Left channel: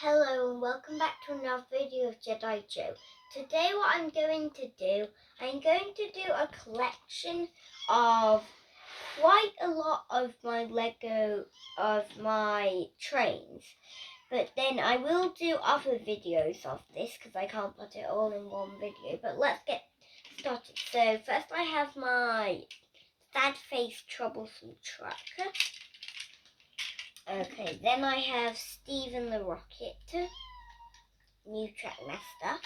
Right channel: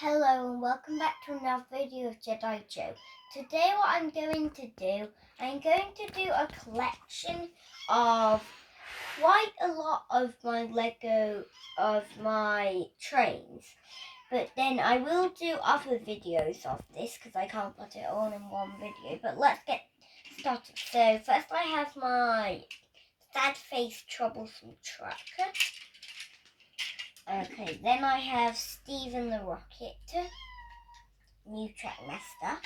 Hello and welcome back to another video of JediJoe. Today what I'm going to do a collection of quite a lot of my Lego of my trains. But then I will do other videos of this because I can't put it all in one video. But let's get started. So first I have my sad face troublesome tracker. Okay, then I have Steven the Rocket, new track master.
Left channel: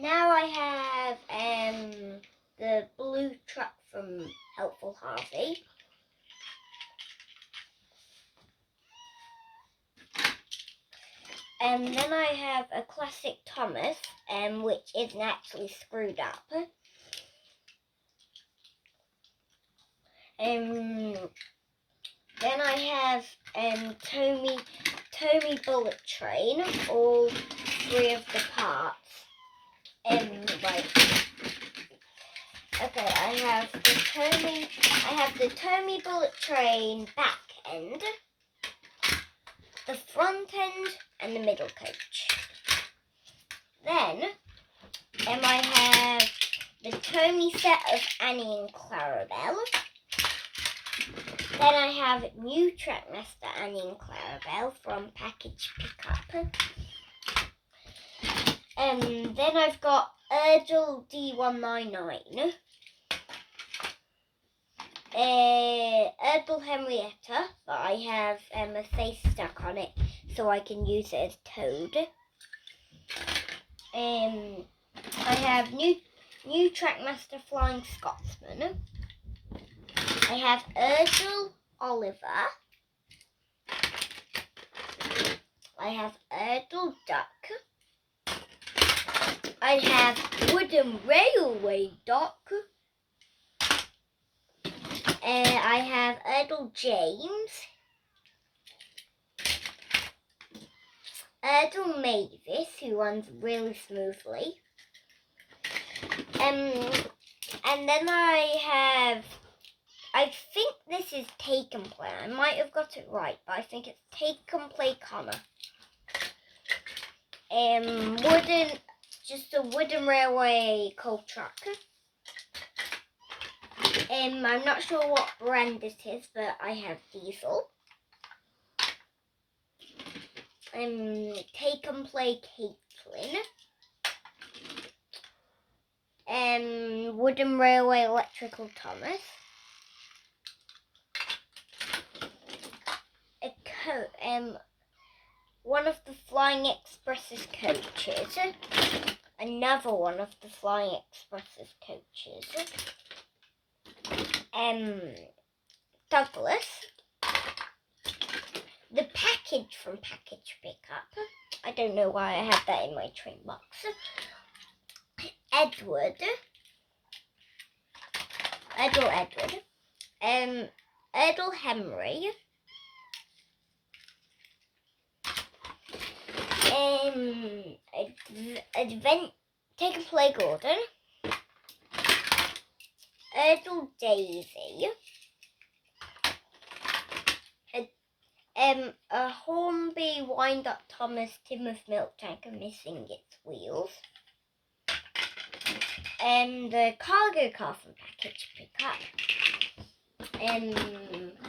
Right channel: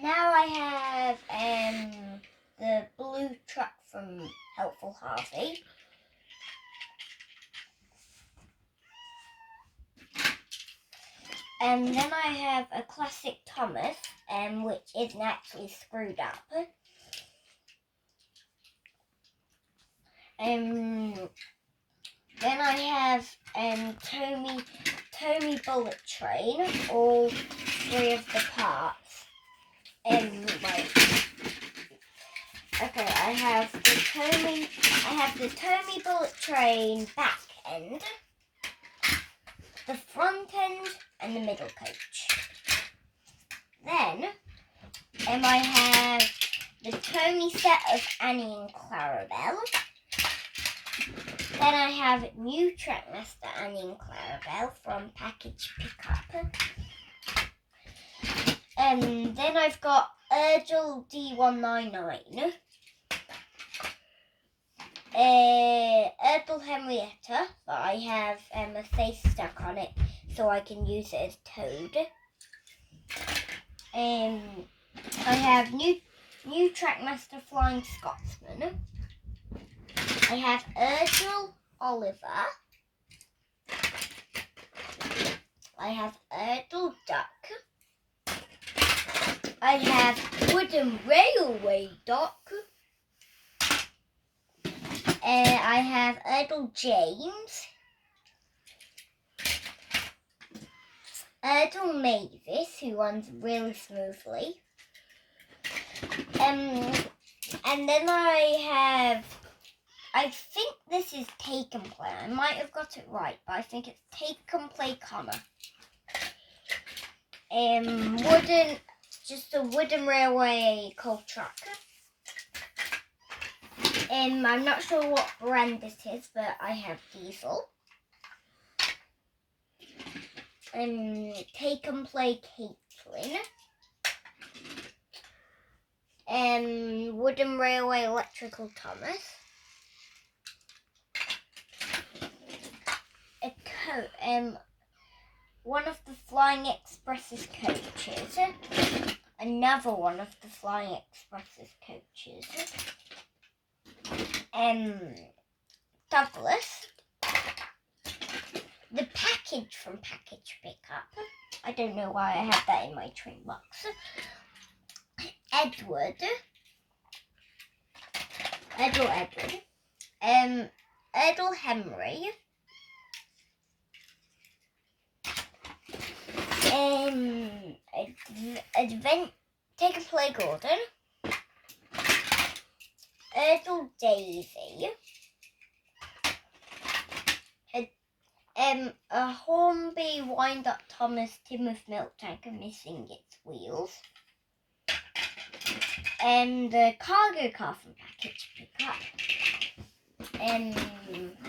Now I have the blue truck from Helpful Harvey. And then I have a classic Thomas, which isn't actually screwed up. Then I have Tommy Bullet Train, all three of the parts. Right. Okay, I have the Tommy Bullet Train back end, the front end, and the middle coach. Then I have the Tommy set of Annie and Clarabelle. Then I have new Trackmaster Annie and Clarabelle from Package Pickup. Then I've got Urgel D199. Urgel Henrietta, but I have a face stuck on it so I can use it as Toad. I have new Trackmaster Flying Scotsman. I have Urgel Oliver. I have Urgel Duck. I have Wooden Railway Duck. I have Urgel James. Urgel Mavis, who runs really smoothly. And then I think this is Take and Play. I might have got it right, but I think it's Take and Play Connor. Just a wooden railway coal truck. I'm not sure what brand it is, but I have Diesel. Take and Play Caitlin. Wooden Railway Electrical Thomas. One of the Flying Express's coaches. Another one of the Flying Express's coaches. Douglas. The package from Package Pickup. I don't know why I have that in my train box. Edward. Erdl Henry. Take and Play Gordon. Erdl Daisy. A Hornby Wind-Up Thomas Timoth Milk Tanker missing its wheels. The cargo car from Package Pickup.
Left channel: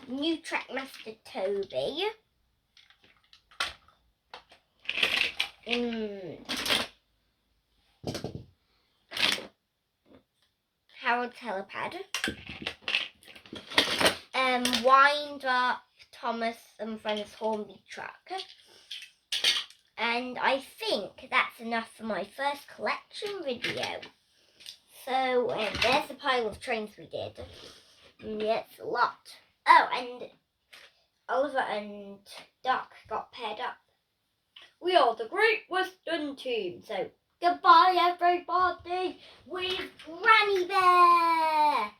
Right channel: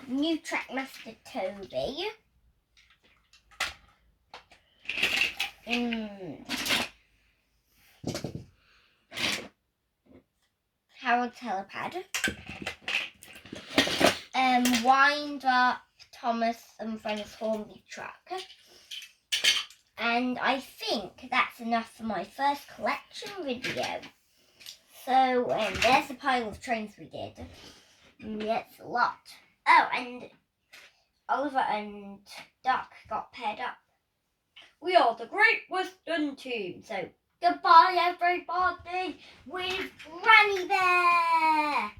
New Trackmaster Toby. Harold Telepad. Wind Up Thomas and Friends Hornby Truck. And I think that's enough for my first collection video. So there's a pile of trains we did. Yeah, it's a lot. Oh, and Oliver and Duck got paired up. We are the Great Western Team. So goodbye everybody with Grany Bear.